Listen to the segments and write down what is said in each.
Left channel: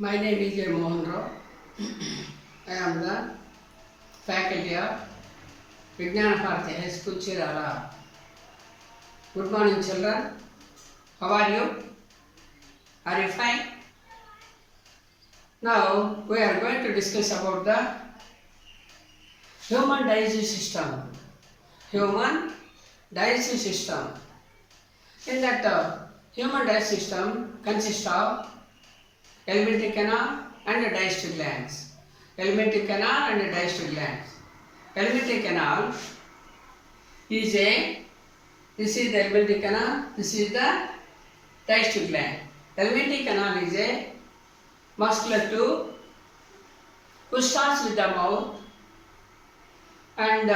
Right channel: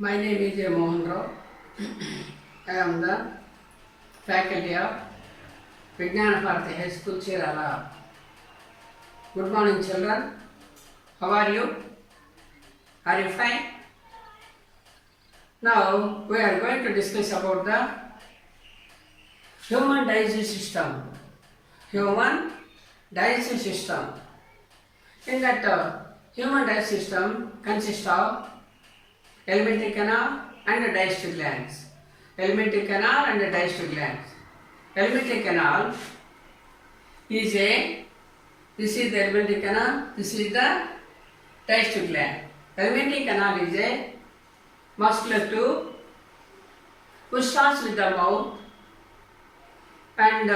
My name is A. Mohan Rao. I am the faculty of Vijnana Bharati High School, Chirala. Good morning, children. How are you? Are you fine? Now we are going to discuss about the human digestive system. Human digestive system. In that human digestive system consists of alimentary canal and the digestive glands. Alimentary canal and the digestive glands. Alimentary canal is this is the alimentary canal, this is the digestive gland. Alimentary canal is a muscular tube which starts with the mouth and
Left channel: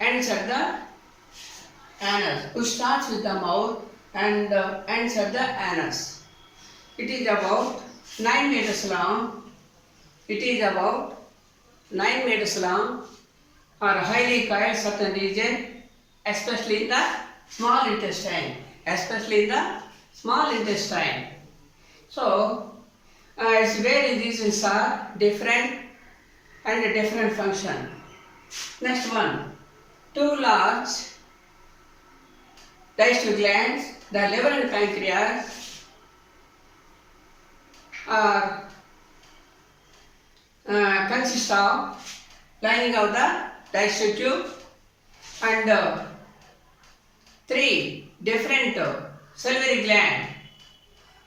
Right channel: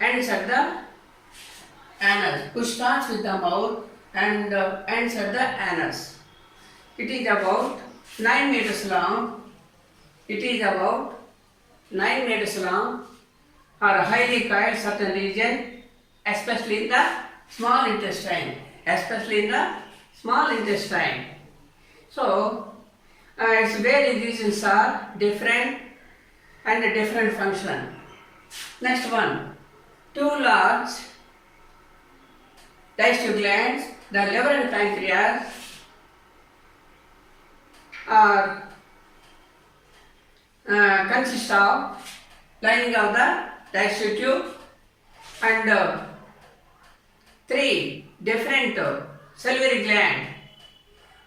ends at the anus. Which starts with the mouth and ends at the anus. It is about 9 meters long. It is about 9 meters long or highly coiled certain region, especially in the small intestine. Especially in the small intestine. So, its various regions are different and different function. Next one, two large digestive glands, the liver and pancreas, are consist of lining of the digestive tube and three different salivary glands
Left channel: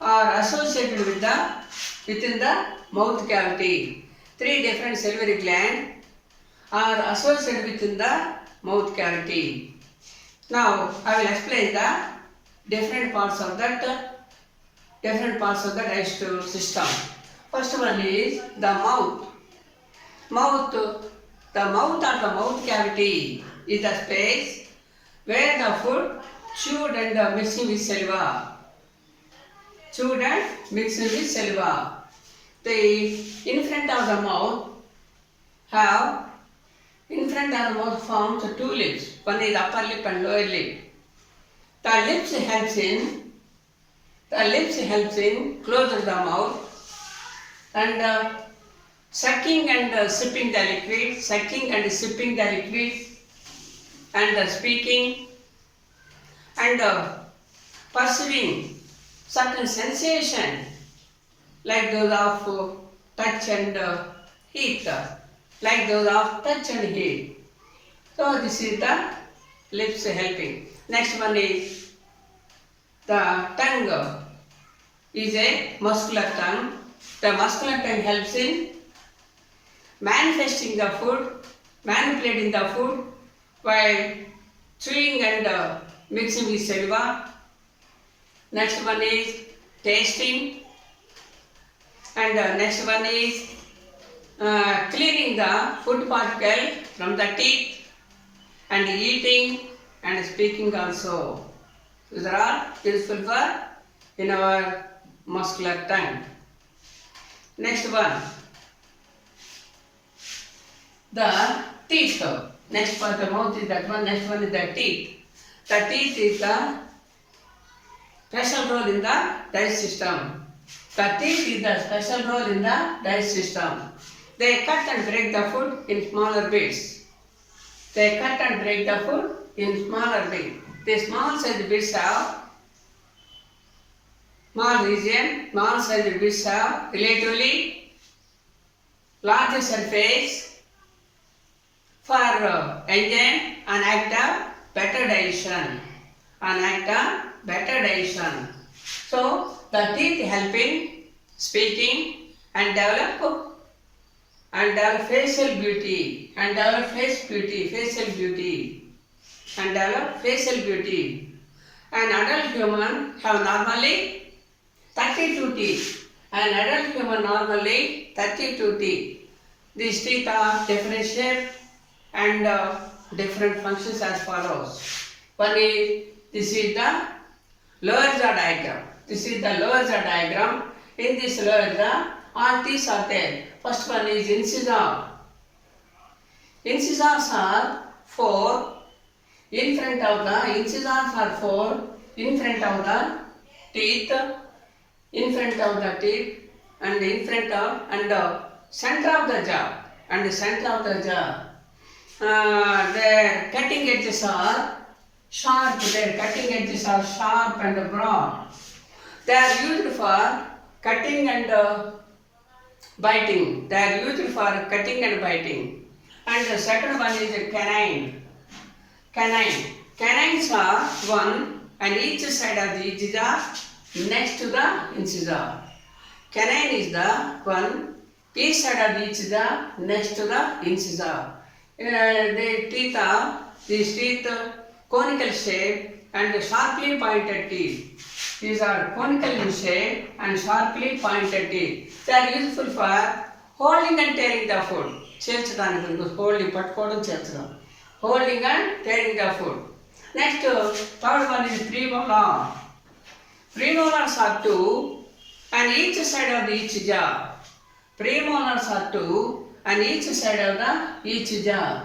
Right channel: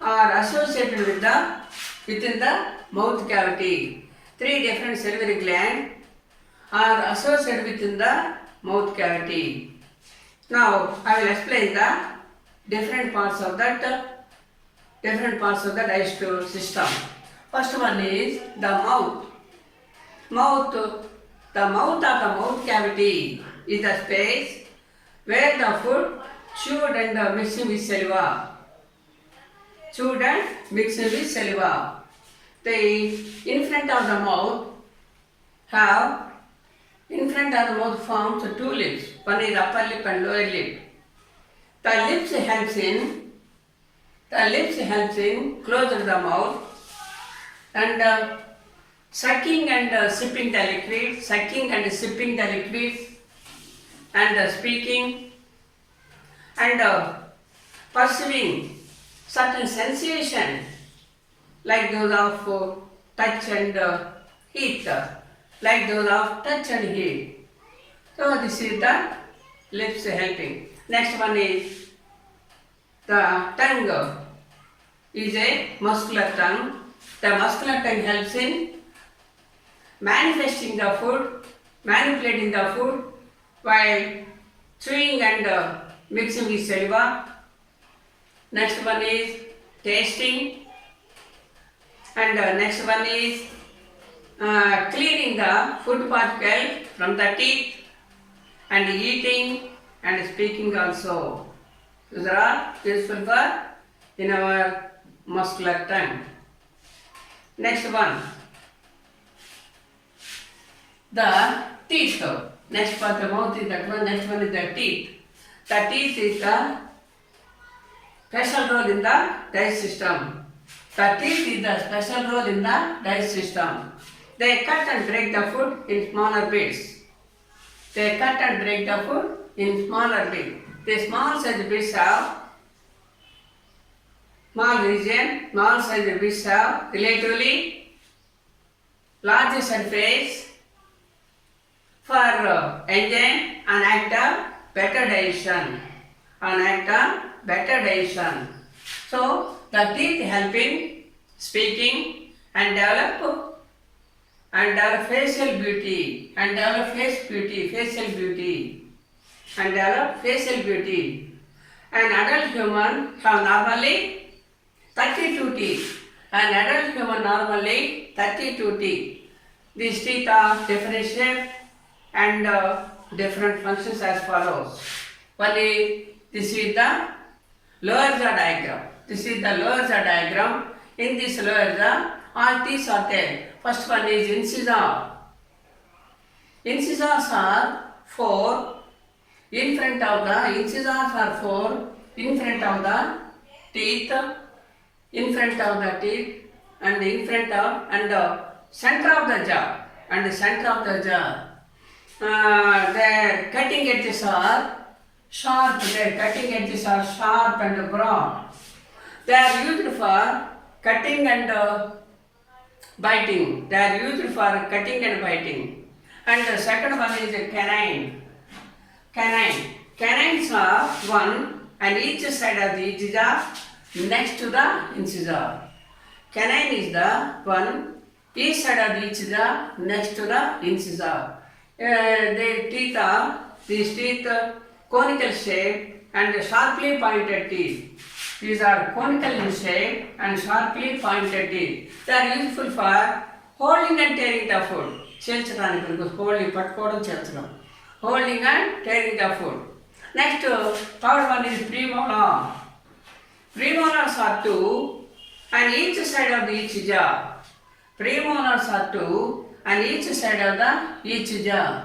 are associated with within the mouth cavity. Three different salivary glands are associated within the mouth cavity. Now I will explain the different parts of the digestive system. First one is the mouth. The mouth or the mouth cavity is the space where the food chewed and mixed with saliva. Chewed and mixed with saliva. In front of the mouth forms two lips. One is upper lip and lower lip. The lips helps in closing the mouth and sucking and sipping the liquid, and speaking and perceiving certain sensation like those of touch and heat, So this is the lips helping. Next one is the tongue. Is a muscular tongue. The muscular tongue helps in manifesting the food, manipulating the food while chewing and mixing with saliva. Next one is tasting, and next one is cleaning the food particle from the teeth and eating and speaking also. These are all useful for in our muscular tongue. Next one, the teeth. Next part the mouth is that one. Next one is the teeth. The teeth is the special role in the digestive system. The teeth is the special role in the digestive system. They cut and break the food in smaller bits. The small size bits have small size bits have relatively larger surface for enzyme and act of better digestion. So the teeth help in speaking and develop facial beauty and develop facial beauty. An adult human have normally 32 teeth. These teeth are different shape and different functions as follows. One is, this is the lower jaw diagram. In this lower jaw, all teeth are there. First one is incisor. Incisors are 4. In front of the incisors are 4. In front of the teeth. and in front of and center of the jaw and the center of the jaw. Their cutting edges are sharp. Their cutting edges are sharp and broad. They are used for cutting and biting. They are used for cutting and biting. And the second one is a canine. Canine. Canines are one on each side of the incisor next to the incisor. Canine is the one each side of the incisor next to the incisor. These teeth conical shape and sharply pointed teeth. These are conical in shape and sharply pointed teeth. They are useful for holding and tearing the food. Holding and tearing the food. Next, third one is premolar. Premolars are two on each side of the each jaw. Premolars are two on each side of the each jaw.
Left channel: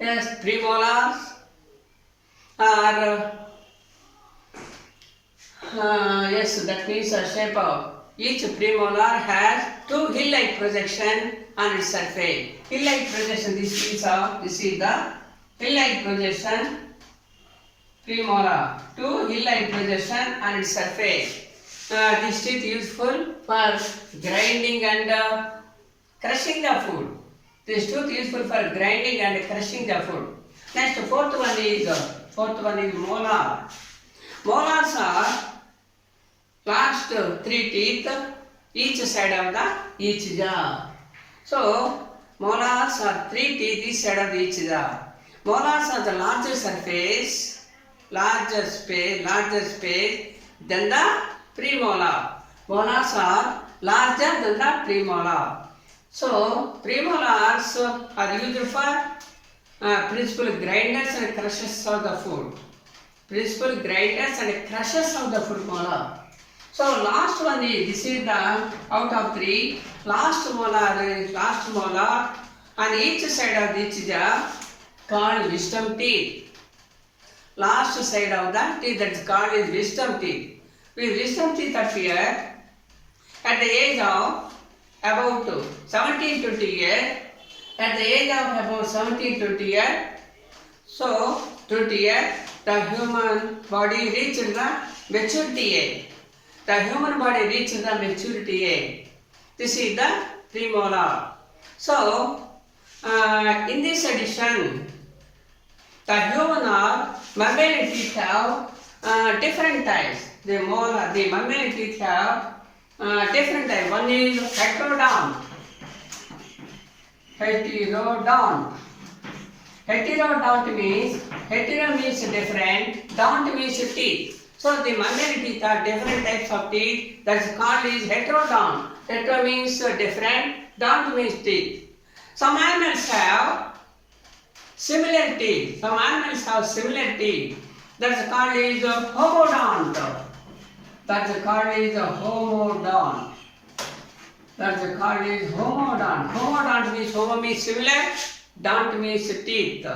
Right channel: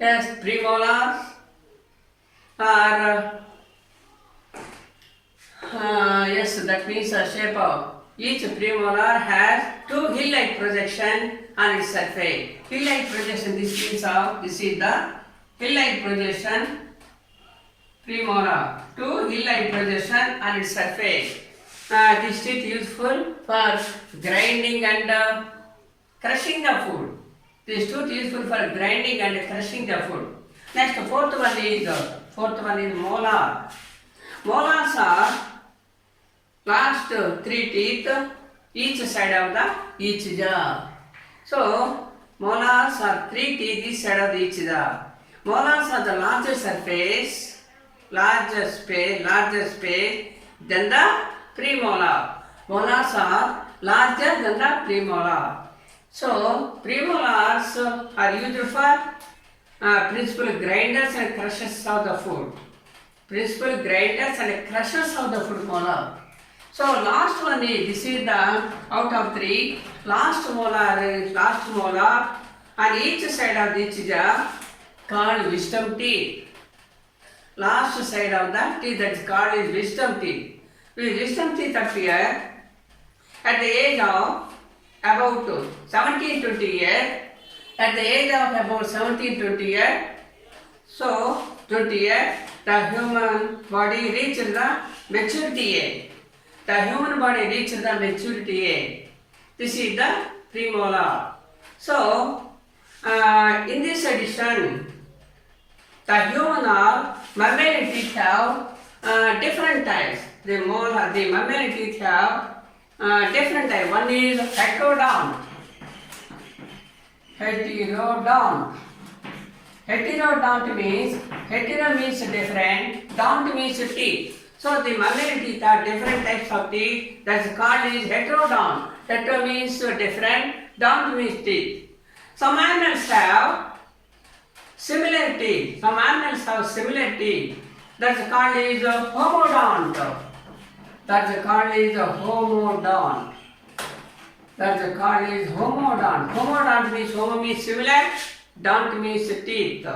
Yes, premolars are yes, that means a shape of each premolar has two hill-like projection on its surface. Hill-like projection. This is the hill-like projection. Premolar. Two hill-like projection on its surface. This teeth useful for grinding and crushing the food. This tooth useful for grinding and crushing the food. Next, fourth one is molar. Molars are last three teeth each side of the each jaw. So molars are three teeth each side of the each jaw. Molars are the larger surface, larger space than the premolar. Molars are larger than the premolar. So premolars are used for principal grinders and crushers of the food. Principal grinders and crushers of the food molar. So last one is, this is the out of three. Last molar on each side of each jaw called wisdom teeth. Last side of the teeth that is called is wisdom teeth. With wisdom teeth appear at the age of about 17-20 years. At the age of about 17-20 years, so 20 years, the human body reaches the maturity age. The human body reaches the maturity age. This is the premolar. So, in this edition, the human or mammalian teeth have different types. The mammalian teeth have different types. One is heterodont. Heterodont means, hetero means different, dont means teeth. So the mammalian teeth are different types of teeth. That's called is heterodont. Hetero means different, dont means teeth. Some animals have similar teeth. That's called is homodont. Homodont means homo means similar, dont means teeth.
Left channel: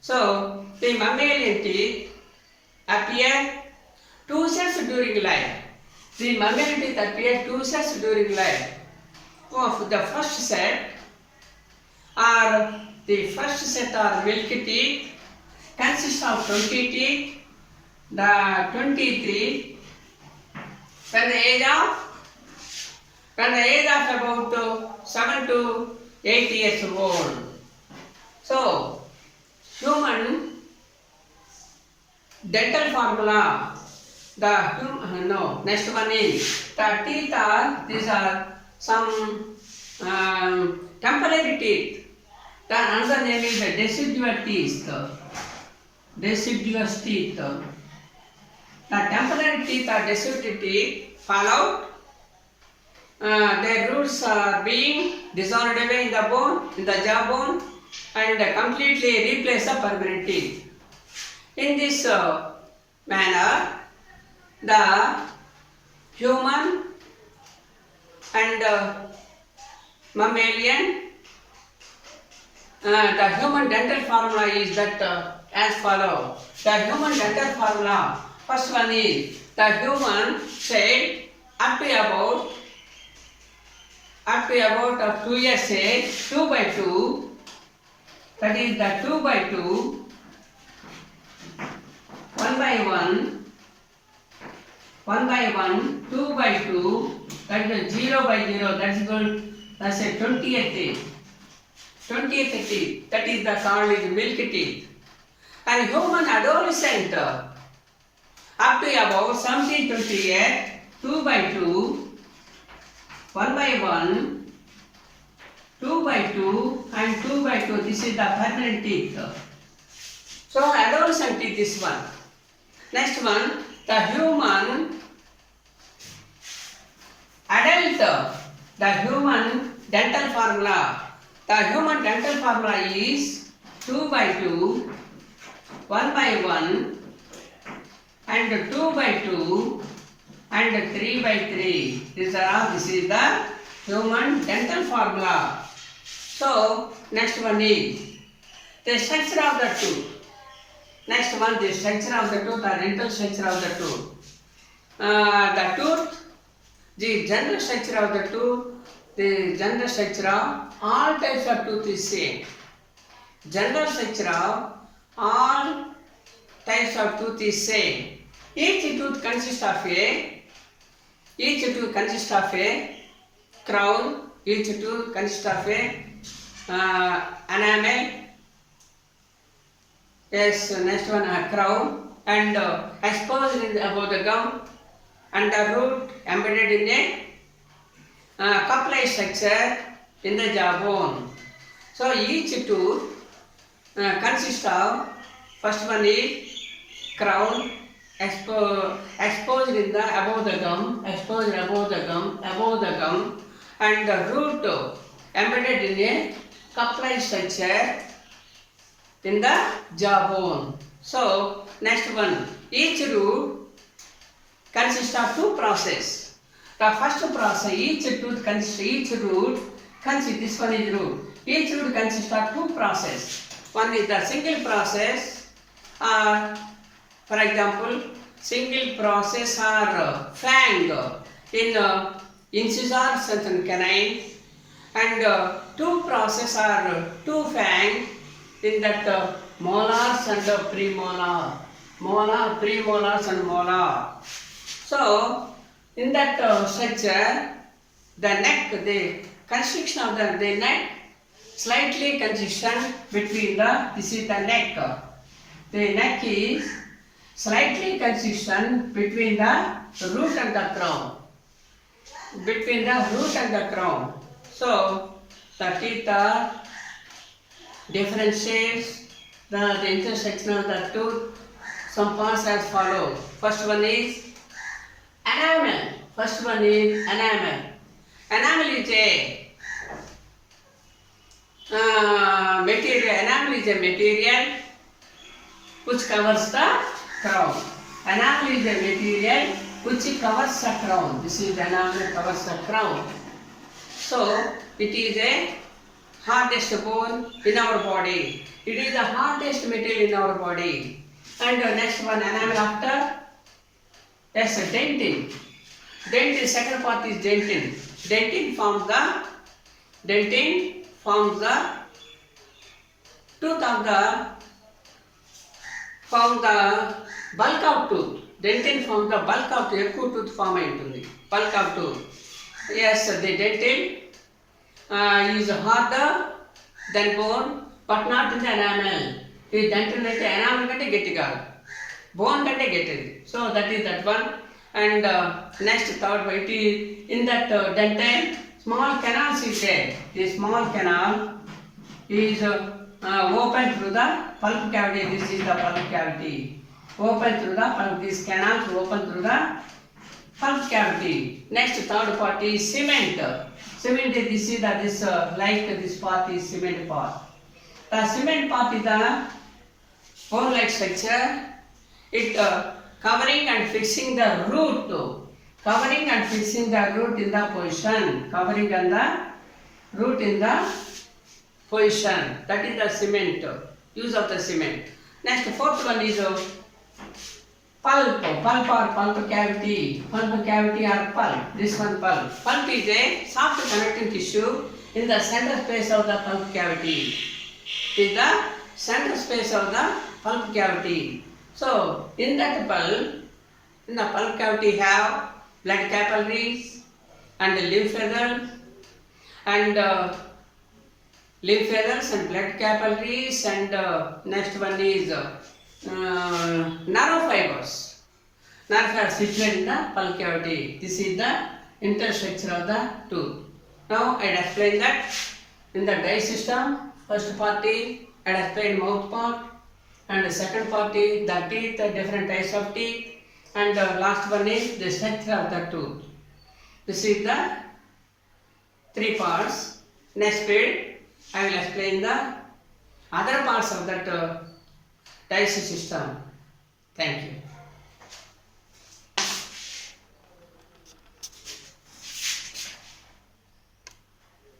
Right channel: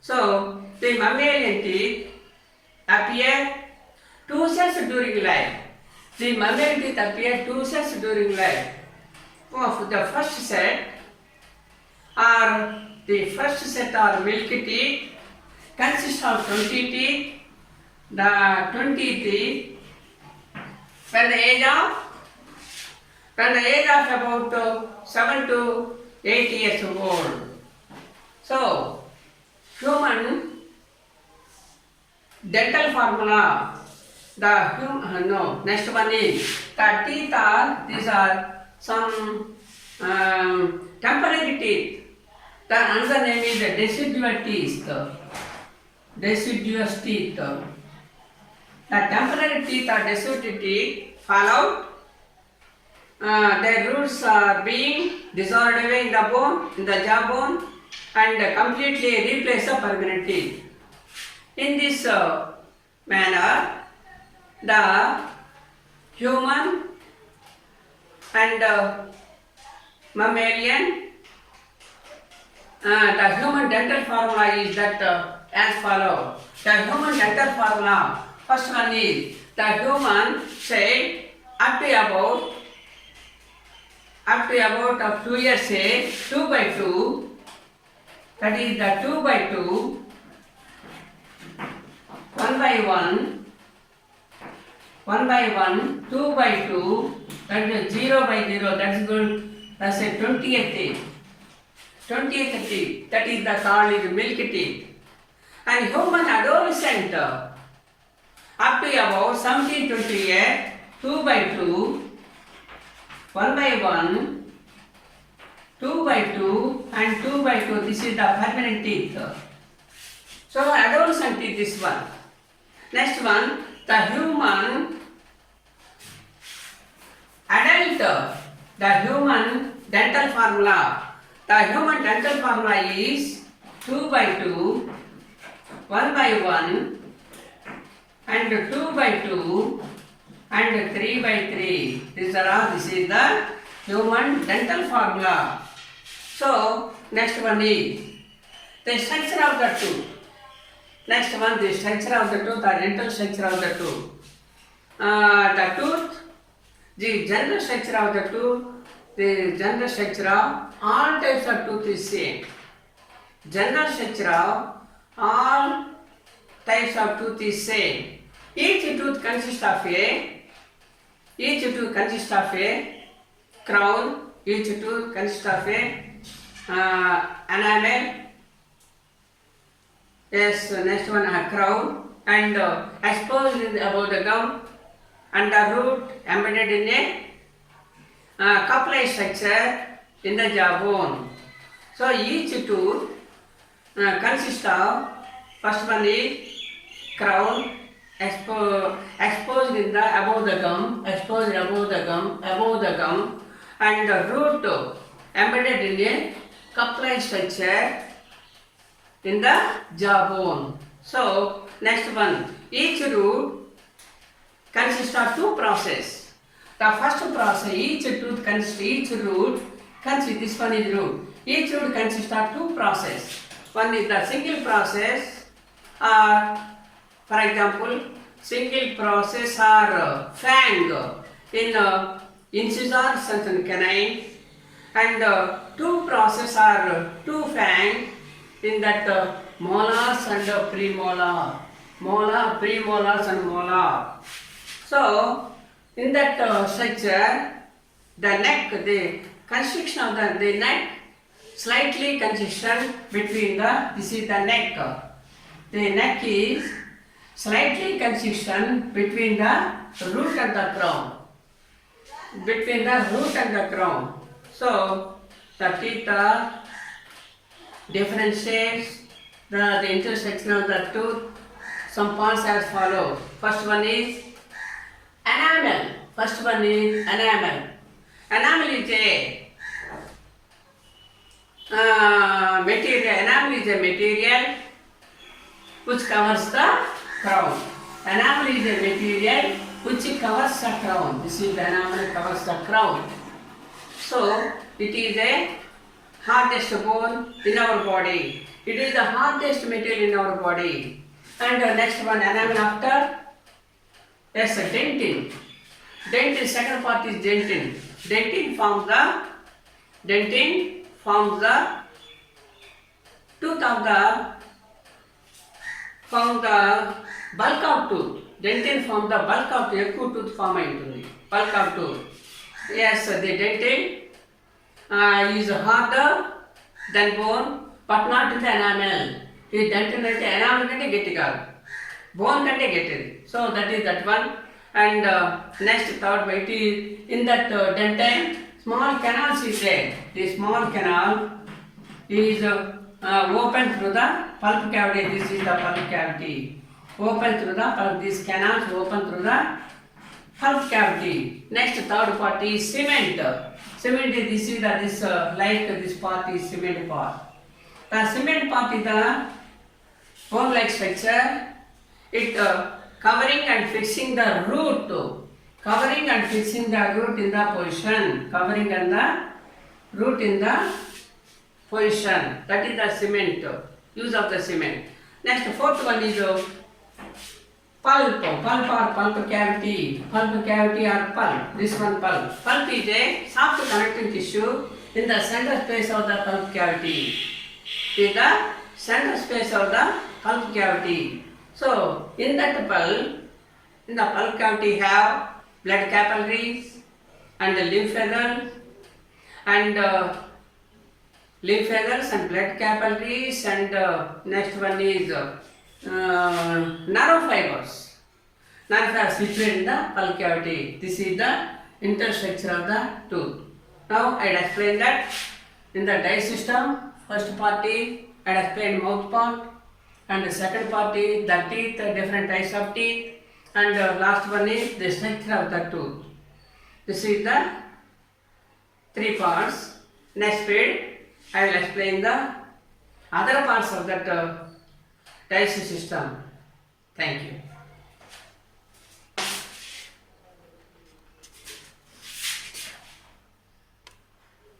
So the mammalian teeth appear two sets during life. The mammalian teeth appear two sets during life. The first set are milky teeth, consists of 20 teeth. The 20 teeth when the age of about 7 to 8 years old. So human dental formula. Next one is the teeth these are some temporary teeth. The another name is the deciduous teeth. The temporary teeth or deciduous teeth fall out. Their roots are being dissolved away in the bone, in the jawbone, and completely replace the permanent teeth. In this manner, the human and mammalian, the human dental formula is that as follows. The human dental formula, first one is the human said up to about up to about of 2 years age, 2 by 2, that is the 2 by 2, 1 by 1, 1 by 1, 2 by 2, that is 0 by 0, that's good, that's a 20th age. 20th teeth, that is the called is milk teeth. And human adolescent up to about 17 to 28, 2 by 2, 1 by 1, 2 by 2 and 2 by 2, this is the permanent teeth. So adolescent teeth is one. Next one, the human adult, the human dental formula. The human dental formula is 2 by 2, 1 by 1 and 2 by 2 and 3 by 3. This is the human dental formula. So next one is the structure of the tooth. Next one, the structure of the tooth, the dental structure of the tooth. The tooth, the general structure of the tooth, the general structure of all types of tooth is same. General structure of all types of tooth is same. Each tooth consists of a crown. Each tooth consists of a enamel. Yes, next one a crown and exposed above the gum and the root embedded in a cup-like structure in the jawbone. So each tooth consists of, first one is crown, exposed in the above the gum, and the root embedded in a cup-like structure in the jawbone. So next one, each root consists of two processes. The first process, each root consists of root. Each root consists of two processes. One is the single process, for example, single process or fang in incisor and canine, and two process are two fang in that molars and premolars and molar. So in that structure, the neck, the constriction of the neck, slightly constriction between this is the neck. The neck is slightly constriction between the root and the crown. So the teeth are different shapes. The intersection of the tooth, some parts as follows. First one is enamel. Enamel is a material. Enamel is a material which covers the crown. Enamel is a material which covers the crown. This is the enamel covers the crown. So it is a hardest bone in our body. It is the hardest material in our body. And the next one, enamel after. Yes, dentin. Dentin, second part is dentin. Dentin forms the tooth of the bulk of tooth. Dentin forms the bulk of the tooth form aitundi. Bulk of tooth. Yes, the dentin is harder than bone, but not in the enamel. The dentin is the enamel kante gettiga. Bone kante gettidi. So that is that one. And next third way is in that dentin, small canals is there. The small canal is open through the pulp cavity. This is the pulp cavity. Open through the pulp. These canals open through the pulp cavity. Next third part is cement. Cement is this part is cement part. The cement part is the bone-like structure. It covering and fixing the root. Covering and fixing the root in the position. Covering and the root in the position. That is the cement. Use of the cement. Next fourth one is Pulp or pulp cavity or pulp. This one pulp. Pulp is a soft connective tissue in the center space of the pulp cavity. Is the center space of the pulp cavity. So in that pulp, in the pulp cavity have blood capillaries and lymph vessels and lymph vessels and blood capillaries, and next one is nerve fibers. Nerve fibers situated in the pulp cavity. This is the interstructure of the tooth. Now I explain that in the dice system. First part is I explained mouth part, and the second part is the teeth, different types of teeth, and last one is the structure of the tooth. This is the three parts. Next period I will explain the other parts of that digestive system. Thank you.